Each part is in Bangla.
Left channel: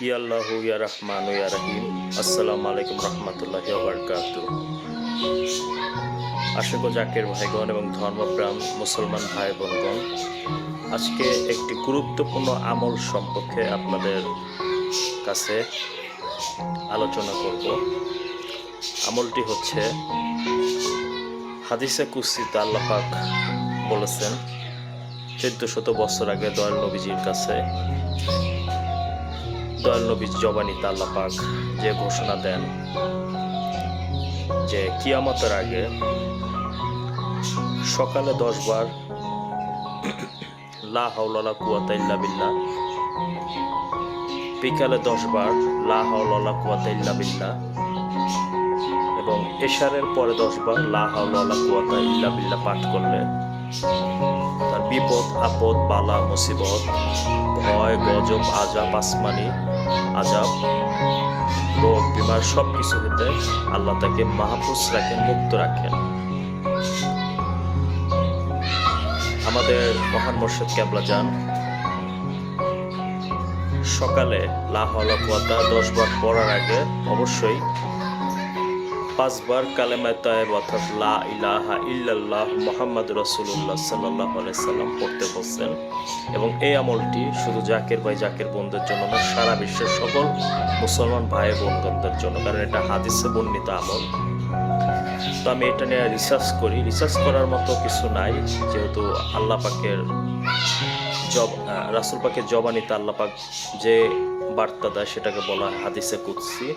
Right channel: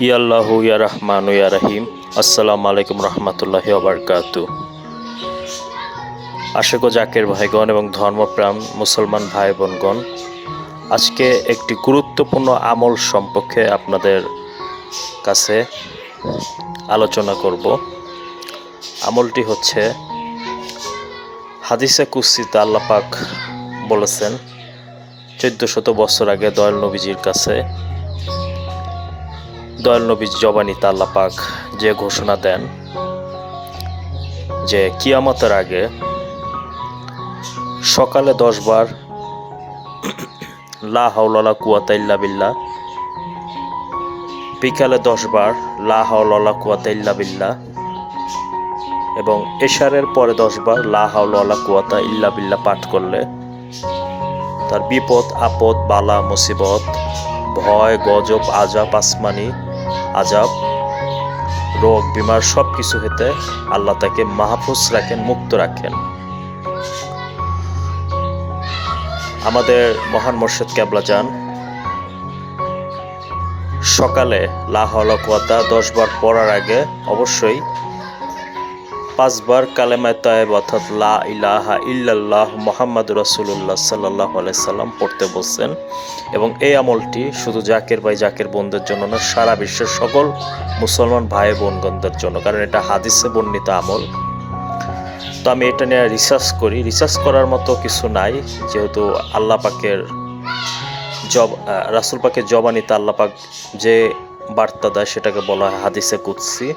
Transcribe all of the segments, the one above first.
ইয়াল্লাহু ইয়া রহমানু ইয়া রহিম। আসসালামু আলাইকুম রহমতুল্লাহি ওয়া বারাকাতুহু। আশিক ও জাকির ভাইগণ এবং ধর্মপ্রাণ মুসলমান ভাই বোনগণ, আজকে একটি গুরুত্বপূর্ণ আমল সম্পর্কে আপনাদের কাছে আলোচনা করব। আমলটি হচ্ছে, হাদিসে কুদসিতে আল্লাহ পাক বলেছেন 1400 বছর আগে দয়াল নবীজির কাছে, দয়াল নবীর জবানিতে আল্লাহ পাক যে ঘোষণা দেন যে কিয়ামতের আগে সকালে 10 বার লা হাওলা ওয়ালা কুওয়াতা ইল্লা বিল্লাহ, বিকালে 10 বার লা হাওলা ওয়ালা কুওয়াতা ইল্লা বিল্লাহ এবং এশারের পরে 10 বার লা হাওলা ওয়ালা কুওয়াতা ইল্লা বিল্লাহ পাঠ করলে তার বিপদ আপদ বালা মুসিবত ভয় গজব আজাব আসমানি আজাব রোগ বিমার সব কিছু হতে আল্লাহ তাকে মাহফুজ রাখেন, মুক্ত রাখেন। আমাদের মহান মুর্শিদ কেবলা যান সকালে লা হাওলা কুওয়াতা 10 বার পড়ার আগে অবশ্যই 5 বার কালেমায়ে তাইয়্যিবা অর্থাৎ লা ইলাহা ইল্লাল্লাহ মুহাম্মাদুর রাসূলুল্লাহ সাল্লাল্লাহু আলাইহি সাল্লাম পড়তে বলছেন। এবং এই আমলটি শুধু জাকির ভাই জাকির বোনদের জন্য না, সারা বিশ্বের সকল মুসলমান ভাই বোনগণদের জন্য, কারণ এটা হাদিসে বর্ণিত আমল। তো আমি এটা নিয়ে রিসার্চ করার মতো কিছু নাই, যেহেতু আল্লাহ পাকের রাসূল পাকের জবানিতে আল্লাহ পাক যে বার্তা দেয় সেটাকে বলা হয় হাদিসে কুদসি।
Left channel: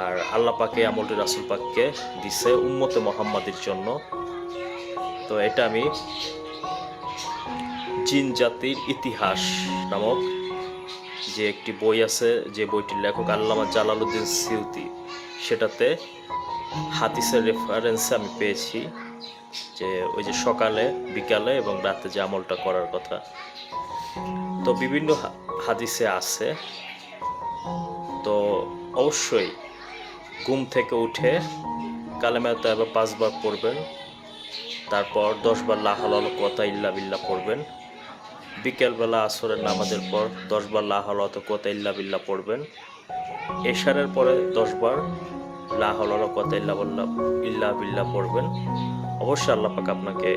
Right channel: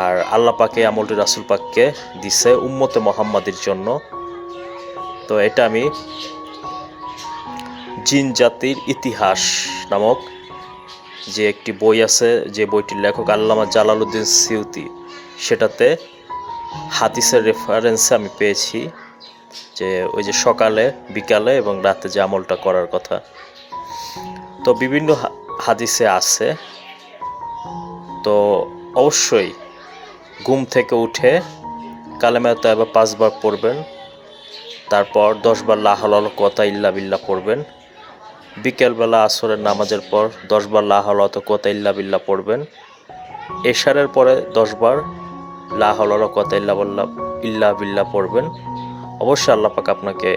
আর আল্লাহ পাকে আমলটি রাসূল পাককে দিছে উম্মতে মুহাম্মাদির জন্য। তো এটা আমি জিন জাতির ইতিহাস নামক যে একটি বই আছে, যে বইটির লেখক আল্লামা জালালউদ্দিন সিউতি, সেটাতে হাদিসের রেফারেন্সে আমি পেয়েছি যে ওই যে সকালে বিকালে এবং রাতে যে আমলটা করার কথা। তো বিভিন্ন হাদিসে আছে। তো অবশ্যই ঘুম থেকে উঠে কালেমায়ে তাইয়্যিবা 5 বার পড়বেন, তারপর 10 বার লা হাওলা ওয়ালা কুওয়াতা ইল্লা বিল্লাহ পড়বেন, বিকেলবেলা আসরের নামাজের পর 10 বার লা হাওলা ওয়ালা কুওয়াতা ইল্লা বিল্লাহ পড়বেন, এশারের পরে 10 বার লা হাওলা ওয়ালা কুওয়াতা ইল্লা বিল্লাহ পড়বেন। অবশ্যই আল্লাহ পাক আপনাকে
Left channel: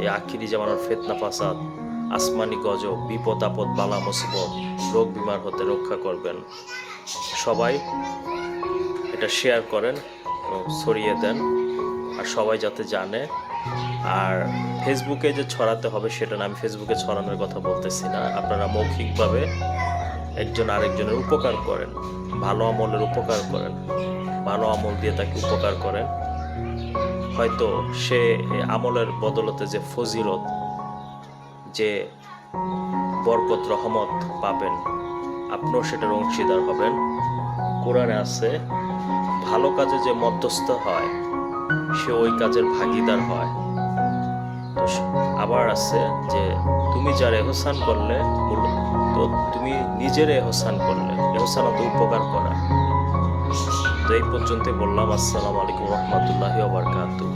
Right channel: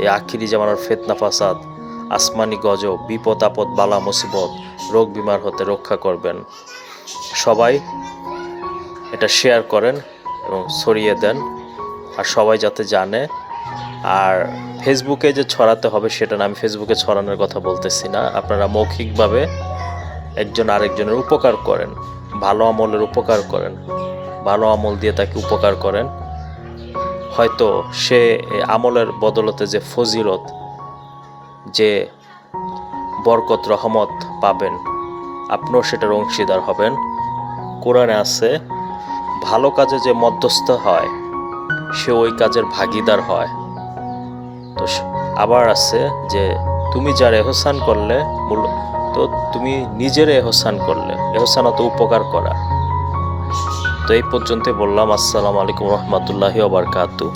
এই আখিরি জামানার ফিতনা ফাসাদ আসমানি গজব বিপদ আপদ বালা মুসিবত রোগ বিমার হতে রক্ষা করবেন। সবাই এটা শেয়ার করেন এবং ছড়িয়ে দেন, আর সবাই যাতে জানে। আর ফেসবুকে যে ছড়াতে হবে সেটা না, আমি ফেসবুকে ছড়ানোর কথা বলতেছি না। আপনারা মৌখিকভাবে একজন আরেকজনের উপকার করেন, ভালো আমলের উপকার করেন, ভালো আমল দিয়ে তাকে উপকার করেন। হয়তো সে আমলের বদলতে যে ফজিলত, যে বরকত রহমত পাবেন, আপনিও সেটার অংশীদার হবেন। কোরআনে আছে, ভালো কাজে যে মধ্যস্থ হয় সে ওই কাজের ভাগীদার হয়। তো আবার আছে যে তুমি যার এহসান করলে তো তুমি নিজের এহসান করলে, এহসানত উপকার করা। তো এই পর্যন্তই বললাম। আসসালামু আলাইকুম রহমতুল্লাহি ওয়া বারাকাতুহু।